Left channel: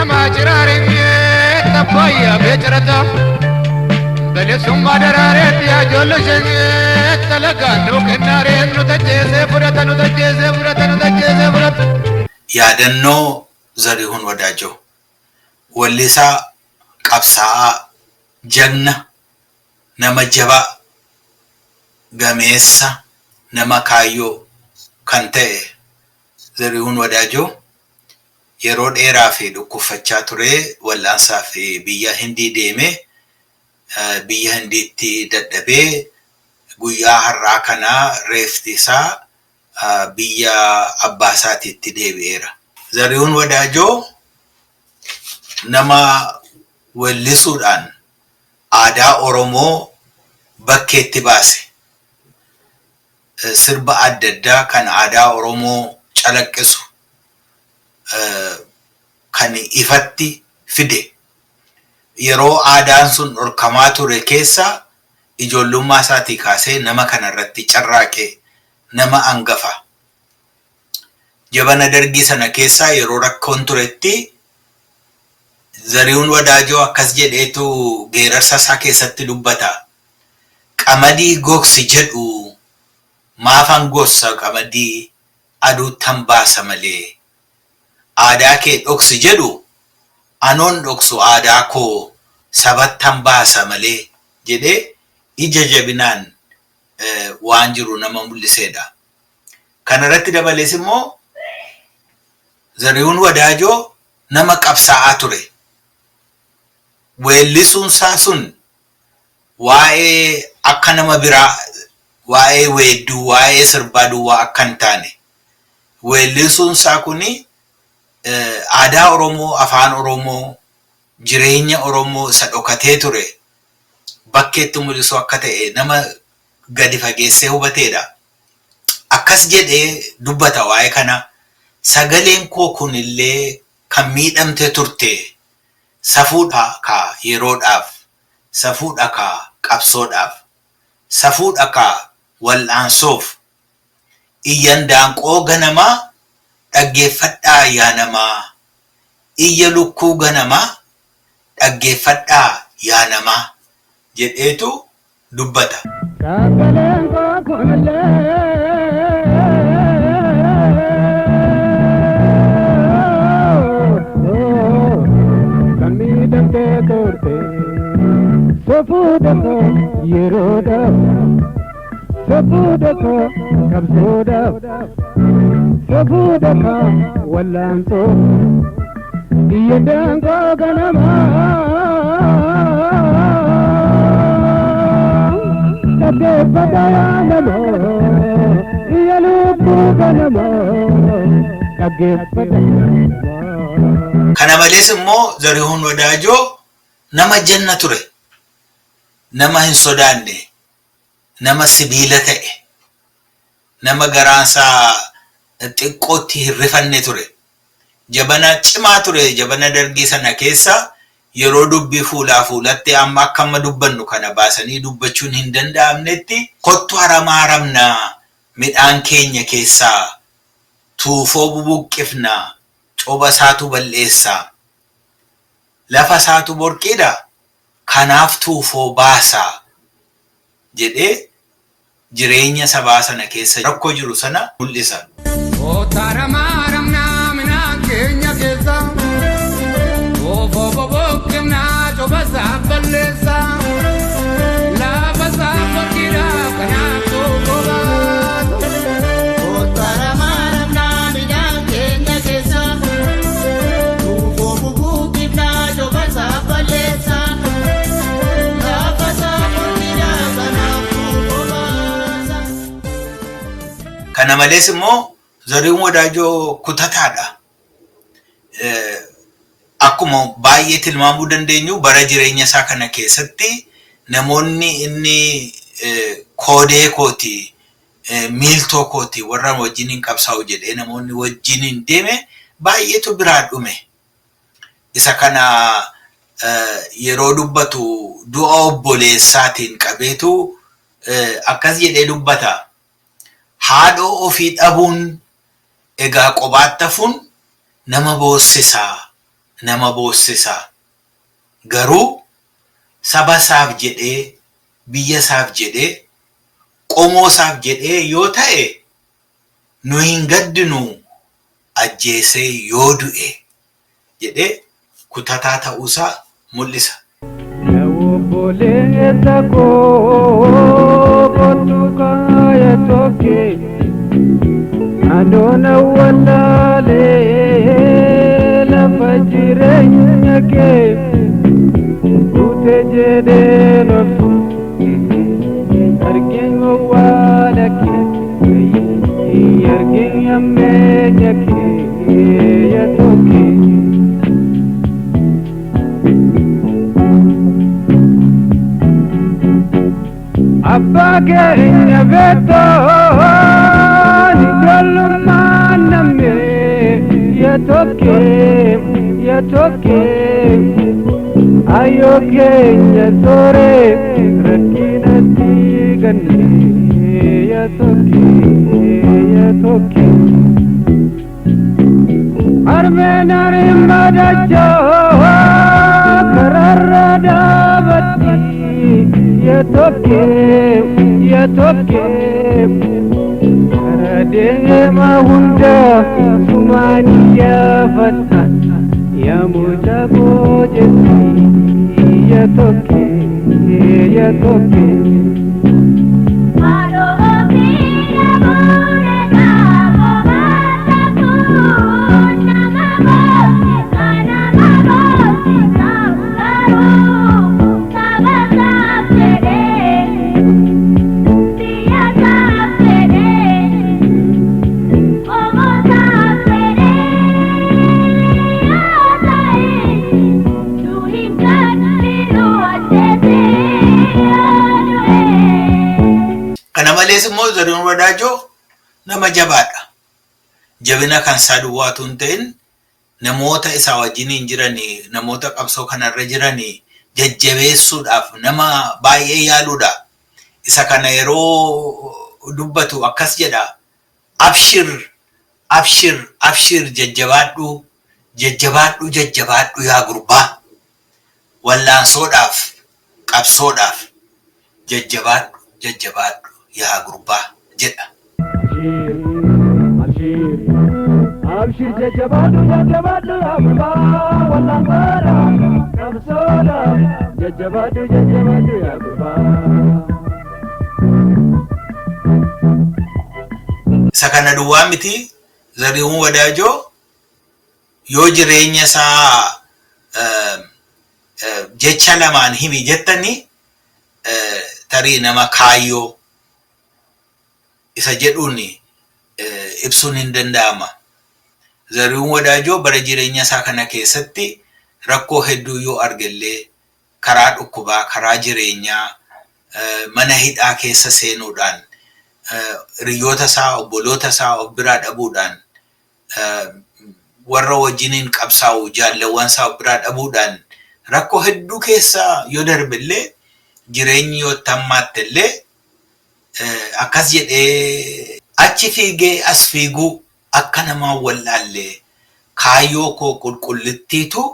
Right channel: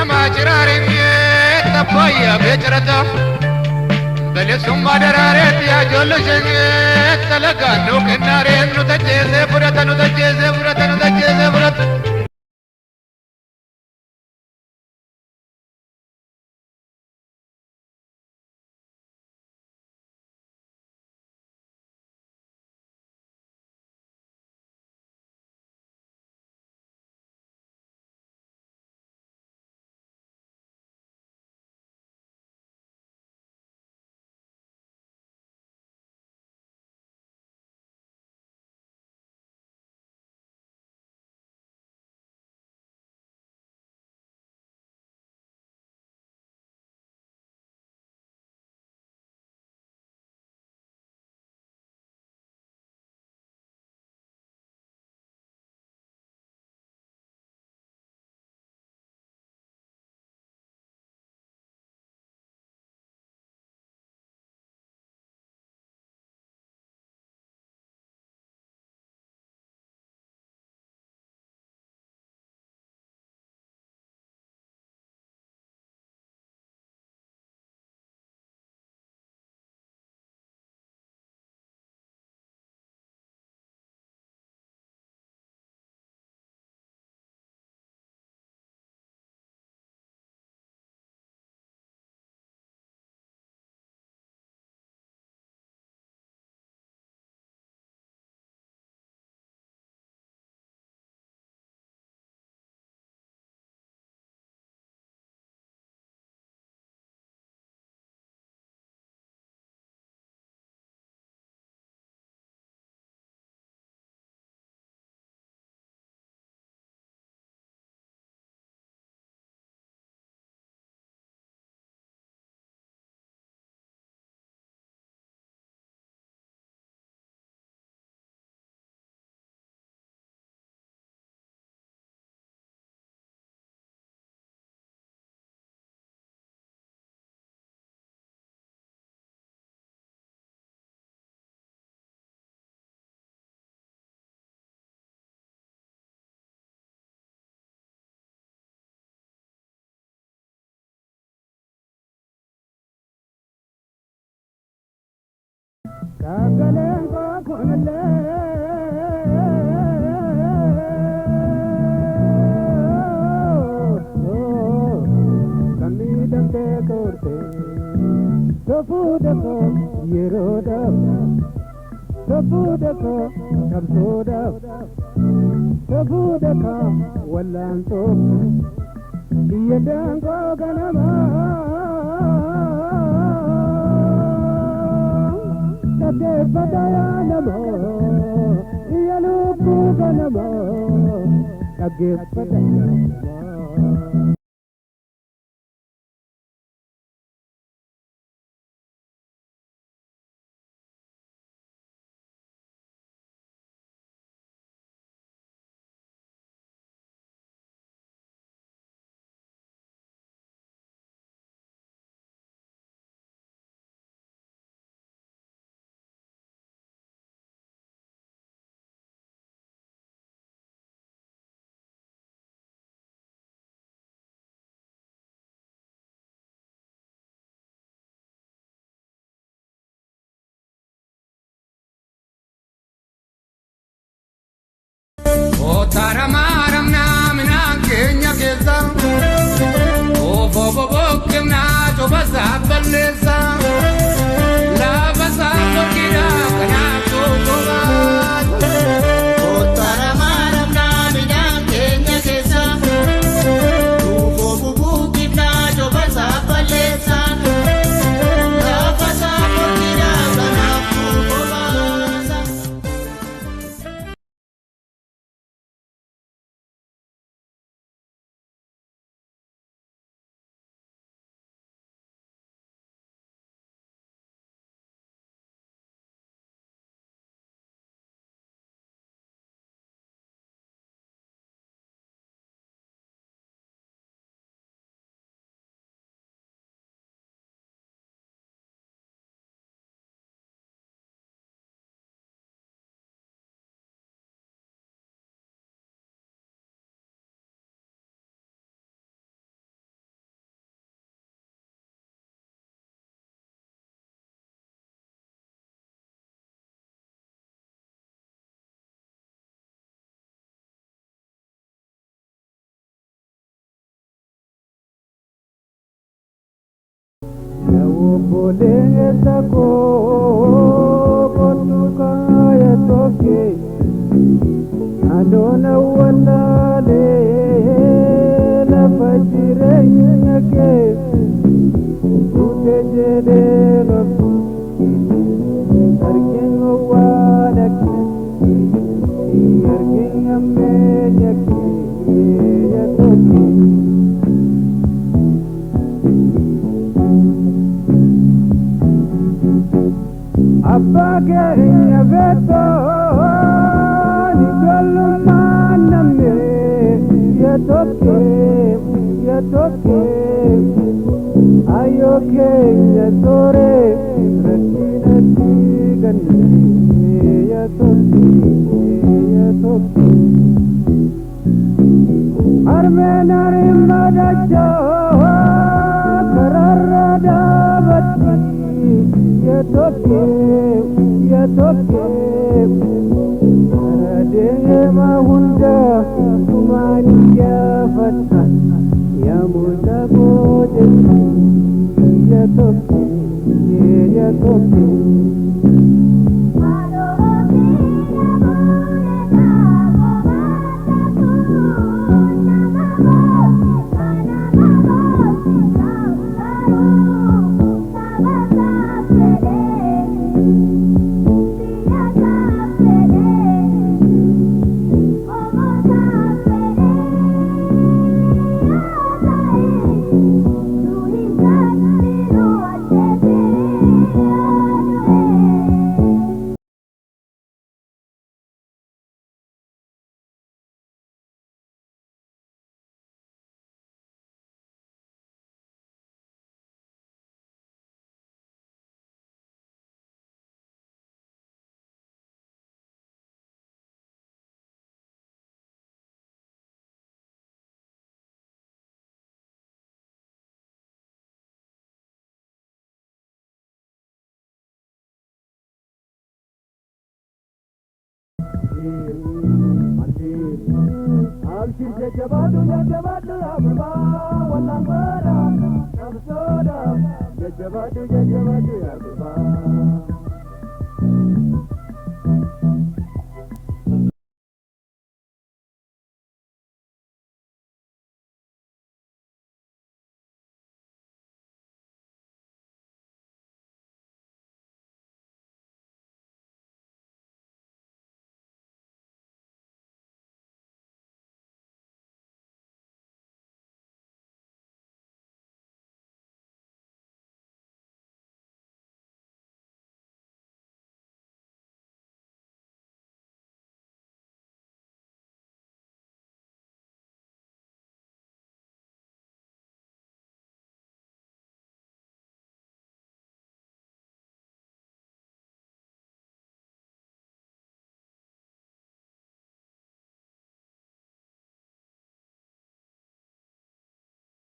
nama jiraare tapaya becerata Belesum badarare ya jollo shanye talaga lokenare nutajese furata yaadannoo Zarihuun Wadaajoo wallisaa qabsaa'aa jagna nama jabaa gameessa nama kaayyoo kan ta'e Zarihuun Wadaajoo yeroo dheeraa fi dhukkubfachaa ture wallaansaa fi biyya Hindii deeme biyya Hindiitti dadhabee guyyaa har'aa kana reefti isaa biyya abbaa isaatiitti deebi'eera. Zarihuun Wadaajoo nama wallisuudhaan aadaa Oromoo bakkeetti baase. Sirba adda addaa kan aadaa Oromoo calaqqisu kan ifatti fide. Yeroo aadaan sun dhorkamaa ture keessa ijoollummaa isaatii kaasee nama kanarratti carraaqee nama angafa. Jabana dargii sana keessa yeroo rakkoon turetti Zarihuun Wadaajoo akkas jedheetu geerarsa isaa keessatti dubbata. Qamadii gogsi jedhu maafan gosa qamadii aduuttan baasa malee. Aadaa kee dhoksi jedhu anoon dhoksu aadaa koo sabattan baasa malee jedhee ija jabinaan waan jiru nama mul'iseedha. Kanarratti dabalees immoo Zarihuun Wadaajoo nama qabsaa'aa ture. Weellisuunsaa sun waa'ee akka nama biraa waa'ee weedduu waa'ee sirbaa duwwaa akka hin taane weellisuunsaa kuni aadaa Oromoo afaan Oromoo jireenya Oromoo isa dhokatee ture bakkeetti mul'isu akka ta'e nama gadi fageessee hubateedha. Akkas jedhee dubbata waa'ee kana. Sagaleen koo kunillee kan miidhamte turte safuudha ka yeroodhaaf safuudha ka qabsoodhaaf safuudha ka wal'aansoof iyyan daanqoo ganamaa dhaggeeffadhaa yaa namaa iyya lukkuu ganamaa dhaggeeffadhaa yaa namaa jedheetu dubbata. Sabudako yeroda sabudako kabsoda sabudaka wallanto iyadango ganama tabe badaya namo iyaluku ganama tabe badaya. Kana malees immoo Zarihuun Wadaajoo nama janna ture. Nama hin sodaanne, nama sibiila ta'e, nama garaansaa xiqqootti hin rifanne ture. Jabana cimaa ture jabana dargii sana keessa yeroo dubbii fuulaa fuulatti amma akka amma dubbannu kana baasanii dubbachuun hin danda'amnetti kottu haramaaramna midhaan keenya keessaa tuufoo bubuqqifna coba isaatu balleessaa lafa isaatu borqiidha. Kanaaf tuufoo baasaa jedhee jireenya sabaa sana keessa rakkoo jiru sana mul'isa. Otaramaaramna midhaan keenya keessa tuufoo bubuqqifna coba isaa balleessaa lafa isaa borqiidha kanaaf tuufoo baasaa. Otaramaaramna midhaan keenya keessa tuufoo bubuqqifna coba isaa balleessaa. Kana malees immoo Zarihuun Wadaajoo kutataadha. Akkuma baay'ee tilmaamuu dandeenyu bara jireenya isaa kana keessatti namoonni inni koodee kooti miiltoo kooti warra wajjiniin qabsaa'u jedhee namoonni wajjiniin deeme baay'eetu biraa dhume. Isa kana yeroo dubbatu du'a obboleessaatiin qabeetu akkas jedhee dubbata. Haadhoo ofii dhabuun egaa qobaatti hafuun nama boossisaa nama boossisaa. Garuu saba isaaf jedhee, biyya isaaf jedhee, qomoo isaaf jedhee yoo ta'e nu hin gaddinu ajjeesee yoo du'e jedhee kutataa ta'uusaa mul'isa. Kana malees immoo Zarihuun Wadaajoo nama jabaadha. Jabina kan isaa duwwaatu hin ta'in namoota isaa wajjiniin jiranii, namoota qabsoo kanarra jiranii jajjabeessuudhaaf nama baay'ee yaaluudha. Isa kana yeroo dubbatu akkas jedha. Abshir, abshir, abshir jajjabaadhu, jajjabaadhu, jajjabaadhu yaa gurbaa. Wallaansoodhaaf, qabsoodhaaf jajjabaadhu, jajjabaadhu yaa gurbaa jedha. Abshir jajjabaadhu, jajjabaadhu yaa gurbaa. Wallaansoodhaaf, qabsoodhaaf jajjabaadhu, jajjabaadhu yaa gurbaa. Isa kana duwwaa miti. Zarihuun Wadaajoo yoo jireenya isaa jecha lamaan himi jettanii tarii nama kaayyoo isa jedhuun ibsuun hin danda'ama. Zarihuun Wadaajoo bara jireenya isaa kana keessatti rakkoo hedduu yoo argellee karaa dhukkubaa, karaa jireenyaa, mana hidhaa keessa seenuudhaan, hiriyoota isaa, obboloota isaa of biraa dhabuudhaan, warra wajjiniin qabsaa'u jaalawwan isaa of biraa dhabuudhaan rakkoo hedduu keessa yoo darbillee jireenyi yoo tammaatti illee akkas jedhee achi fiigee as fiiguu akka namaa wallaallee kaayyoo koo qulqullittiitu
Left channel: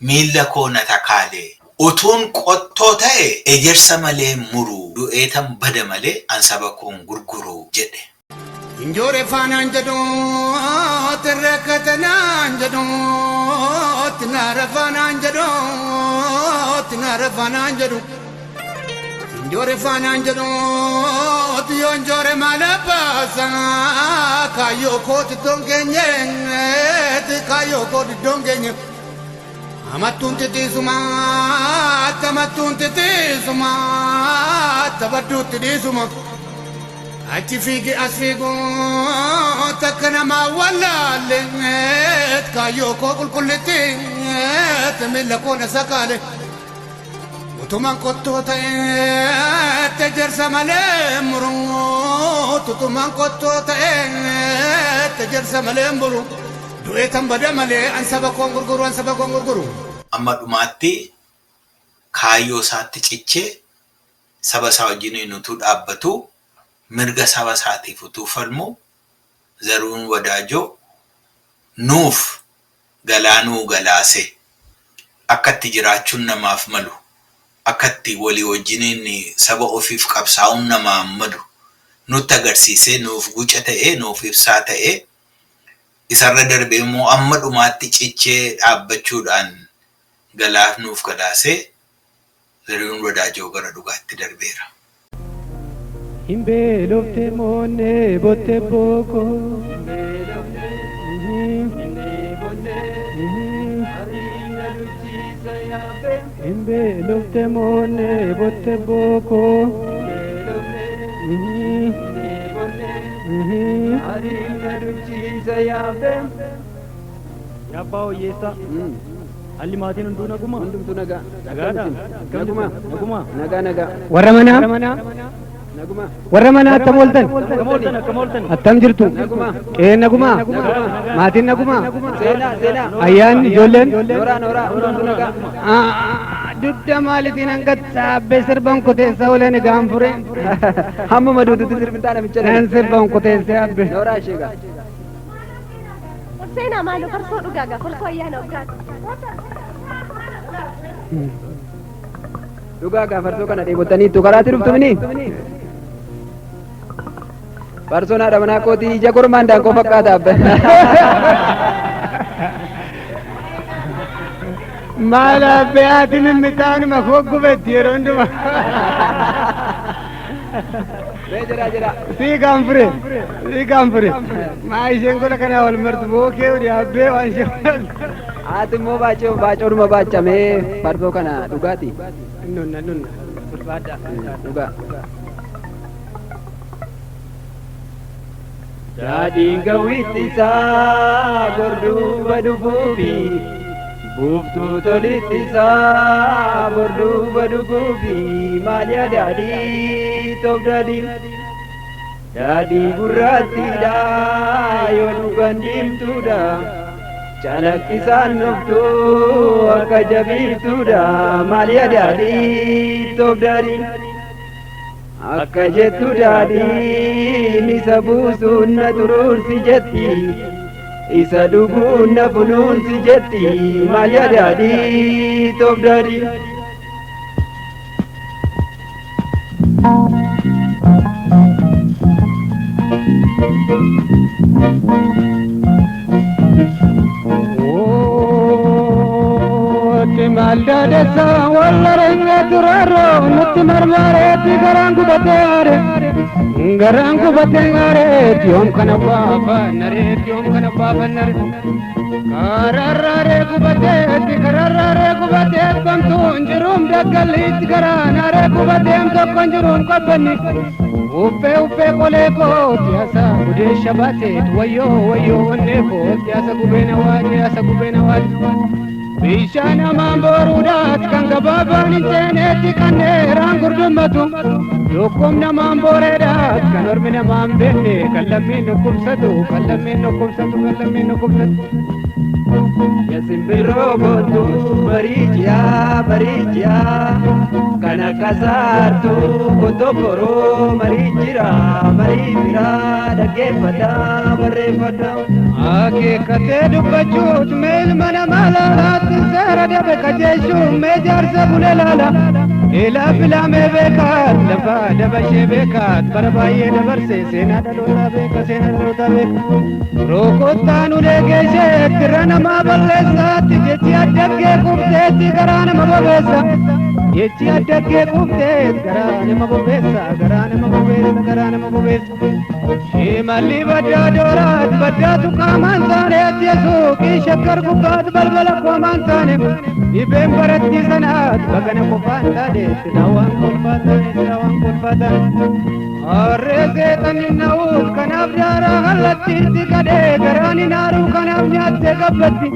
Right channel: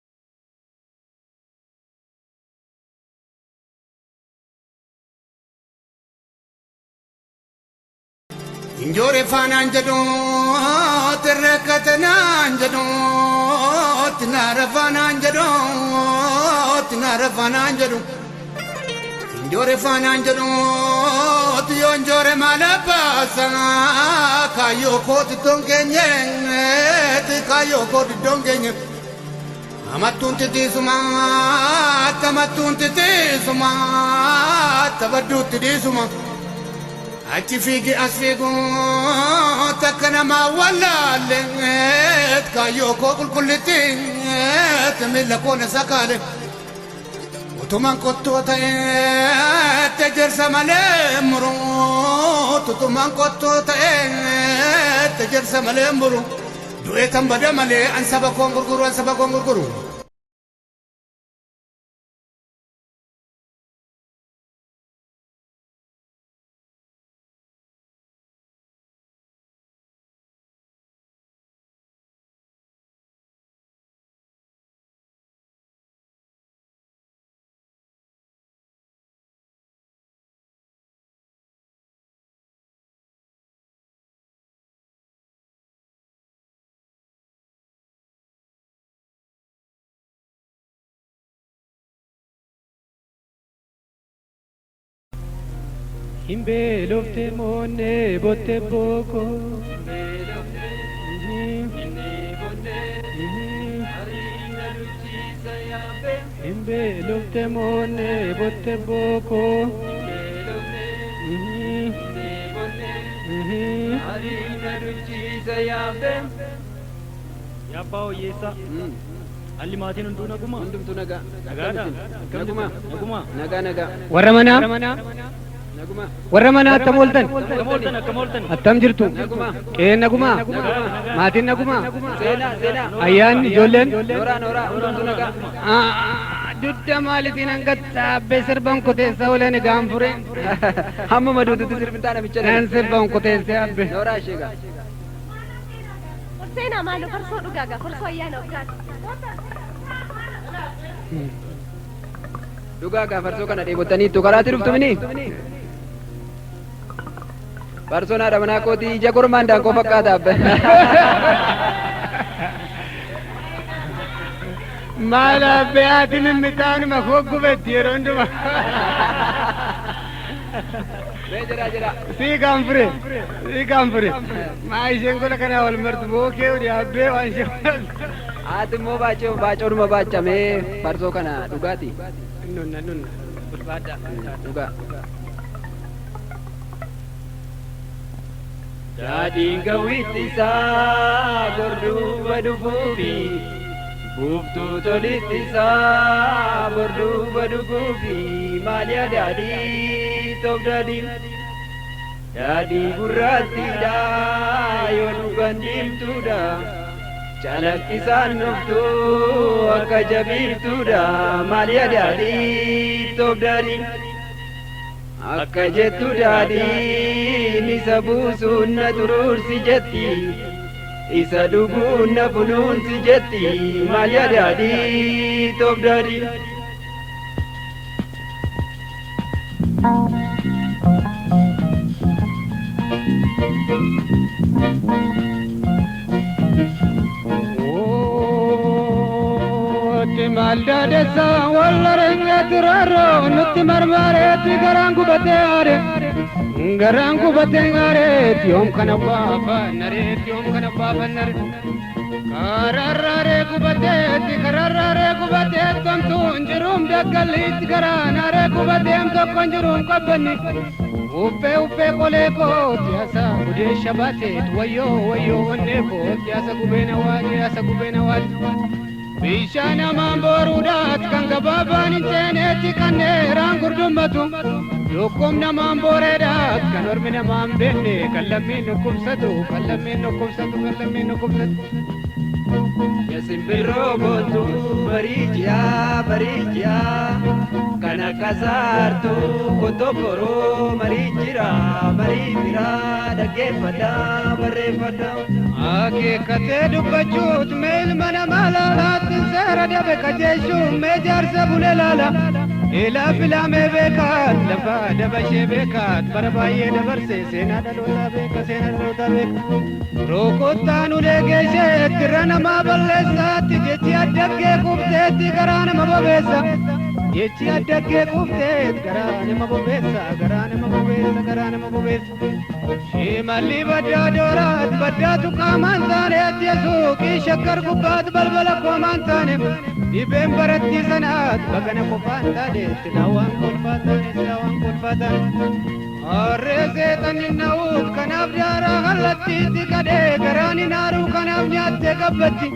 miilla koo na takaalee utuun qottoo ta'e ejersa malee muru du'eetan bada malee an saba koon gurguru jedhe. Injore fanaan jedhoo tirreekkatanaan jedhoo tinaara fanaan jedhoo tinaara fanaan jedhu. Injore fanaan jedhoo tiyoo injore maala baasa kaayyoo kooti dongeenye kaayyoo kooti dongeenye. Amattuun titiisuma tamattuun titiisuma tabadduutti dhiisuma. Achi fiigi as fiigu takka namaa wallaalleet kaayyoo koo qulqullittiit miilla koo na sakaale. Utumaan qottoo ta'eet ejersa malee muru. Utumaan qottoo ta'eet ejersa malee muru. Du'eetan bada malee an saba koon gurguru, an saba koon gurguru. Amma dhumaatti kaayyoo isaatti cichee saba isaa wajjiniin utuu dhaabbatu mirga saba isaatiif utuu falmu Zarihuun Wadaajoo nuuf galaanuu galaase. akkatti jiraachuun namaaf malu akkatti walii wajjiniin saba ofiif qabsaa'uun namaaf malu nutti agarsiisee nuuf guca ta'ee nuuf ibsaa ta'ee isarra darbee immoo amma dhumaatti cichee dhaabbachuudhaan galaaf nuuf galaasee Zarihuun Wadaajoo gara dhugaatti darbeera. Himbe lofte monne botte boko Himbe lofte monne botte boko Yabao yesa Ali maatiin hunduu naguma hundumtu naga nagaadha naguma naga warra mana attam oltan attam jirtu qeen naguma maatiin naguma ayyaan ijoolleen dudda maalitiin hangatta abbe sirban kuteessa oleen gaanfure hamma maduututti sirbintaa namicha sirban kuteessa abbe Sena malu perso dugaga perso ayana ugat Dugaga perso kana debotani tu karati ruftu mini Perso na ada mana koti jagur mandang ko fakata abbe Mala beatin mitan ma khoggu betirondu Jera si gampre mai jengol kana wal mert bo ke uri abbe wan shal atmo bacho ma bacha me parso kana dugati nun berbada duga jadi gawitisa gordu badufubi buftu tolitisa gordu badufubi malya dadi Jadi burati da yonu gandim tuda chalakkisan nuftu akka jabir tuda malya dadi tobdari akka jettu dadi ni sabusun na turur si jetti isa dugun na funun si jetti malya dadi tobdari Malda desa wallaranya turaro nutti marmare ti garangu batare tiom kana baba nare kararare kubate kontu njurum dakalit garanare kubate konjurum kapani upe koleko tiasa ude shabate wayo neko tiasa kubena wa Bishana mamborudat kanga baban inteneti kaneran gurdumatu Dukum na mamboredat kanorbina mambelle kallamin kumsatu Yasim birobotu barijia kana kasartu kotokoro marijira dagefada barefada Ake kate dubachut mel mana malalat zara debe kajeshu mejar sabune lala ila bila me bekat laba deba she bekat barbaye dabarse sena dalota beka rokotanu legeshe kirana ma ballesa tijeti adage kubte tigarana ma babesa yechi adage kubte garana ma babesa Shimali badda dorat badda tu kaman tane tiesu ki shakkar gubat balbala kaman tane ibem baratti sanat bagana kufanta de tilawan kulfata arreze taninnaut kanab dara halatti tikade garani naru kanab nyatte gabbatti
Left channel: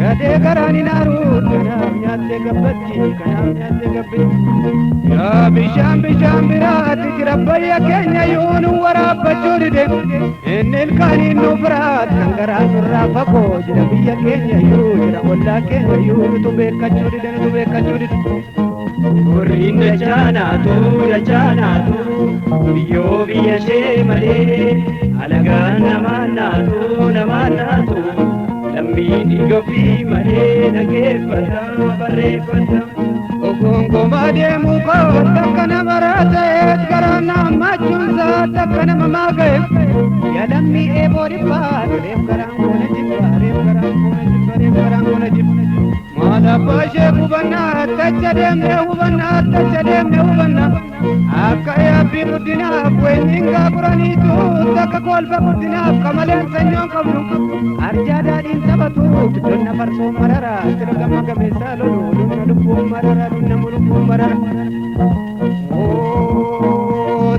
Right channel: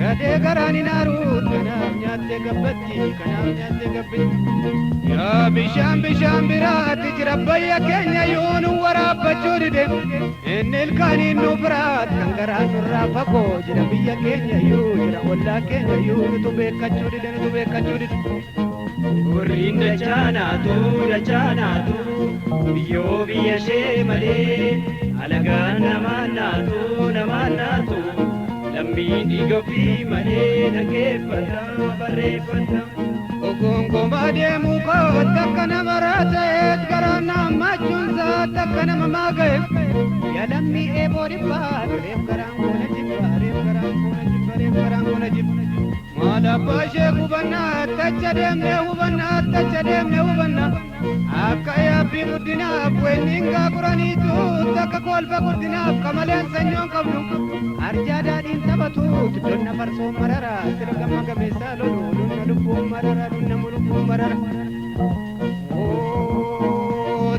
gade garani naru kanab nyatte gabbatti ya bisham birat jirabaya kenya yunu warabachuride enel kani nubrat kangara surafako jirabiya kenya yunu walla kenya yunu tubekachuride Urrinne chanatu biyo biya shemale alagan namanatu lammi digofi male dhaggeeffadha barreeffadha. Gongomaa deemu kootta akka nama raateet garaa naammachuunsa akka nama maaga'e yaadammi eeboo dhibbaa reef garaan koona jibba reef garaan koona jibba reef garaan koona jibba. Maadabbaa ishee hubannaa tacha deemnee hubannaa tacha deemnee hubannaa akka yaabbii guddinaaf weenniin gaaguraniitu takka kolfa guddinaaf kamaleen sanyoon qabnu arjaa daadhiin taphatuuf donna farsoo marara sira gamma gameessaa lolu lunna lubbuun marara lunna mulubbuun marara.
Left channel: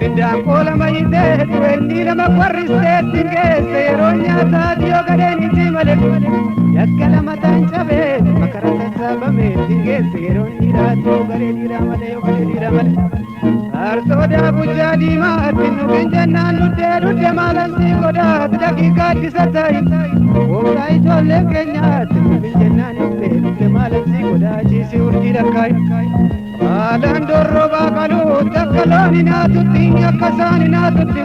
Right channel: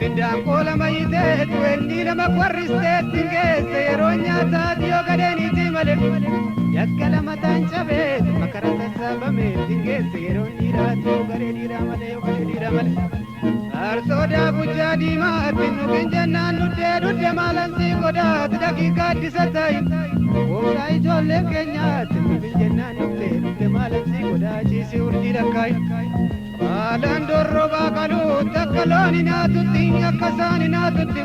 Tindaan koola mayiteet weennii nama qorristeetti geesse yeroo nyaataa dhiyoo gadeeniiti malee yakka lama taan cabeet makara sassaabame geesse yeroo dhiiraa dhiyoo garee dhiiraa malee yoo garee dhiiraa malee. Arsoodaa gujjaa diimaatti nuqin jennaan dudde maalansi godhaat daqiiqaa ittisa ta'i gooftaa ijoollee keenyaatti nuqin jennaan dudde maalansi godhaa ciisii urjii dhakkaayi. Haalaan dorrobaa qaluut akka loon hinaatutti akka isaan hinaatutti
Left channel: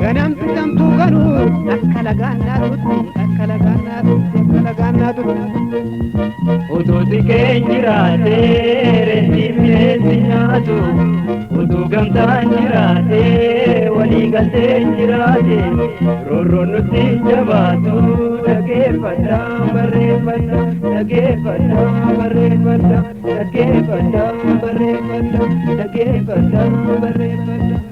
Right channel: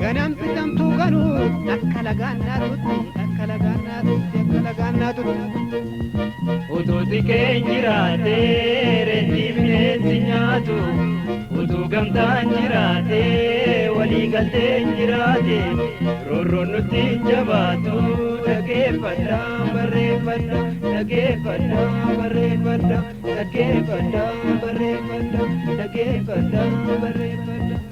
ganamti tamtuu qaluut akka lagaan naatutti akka lagaan naatutti akka lagaan naatutti. Utuuti keenya jiraatee reetii bineensi nyaatu utuu gamtaan jiraatee walii galteen jiraate roorroon nutti jabaatu dhaggeeffadha barreeffadha dhaggeeffadha barreeffadha dhaggeeffadha barreeffadha dhaggeeffadha barreeffadha.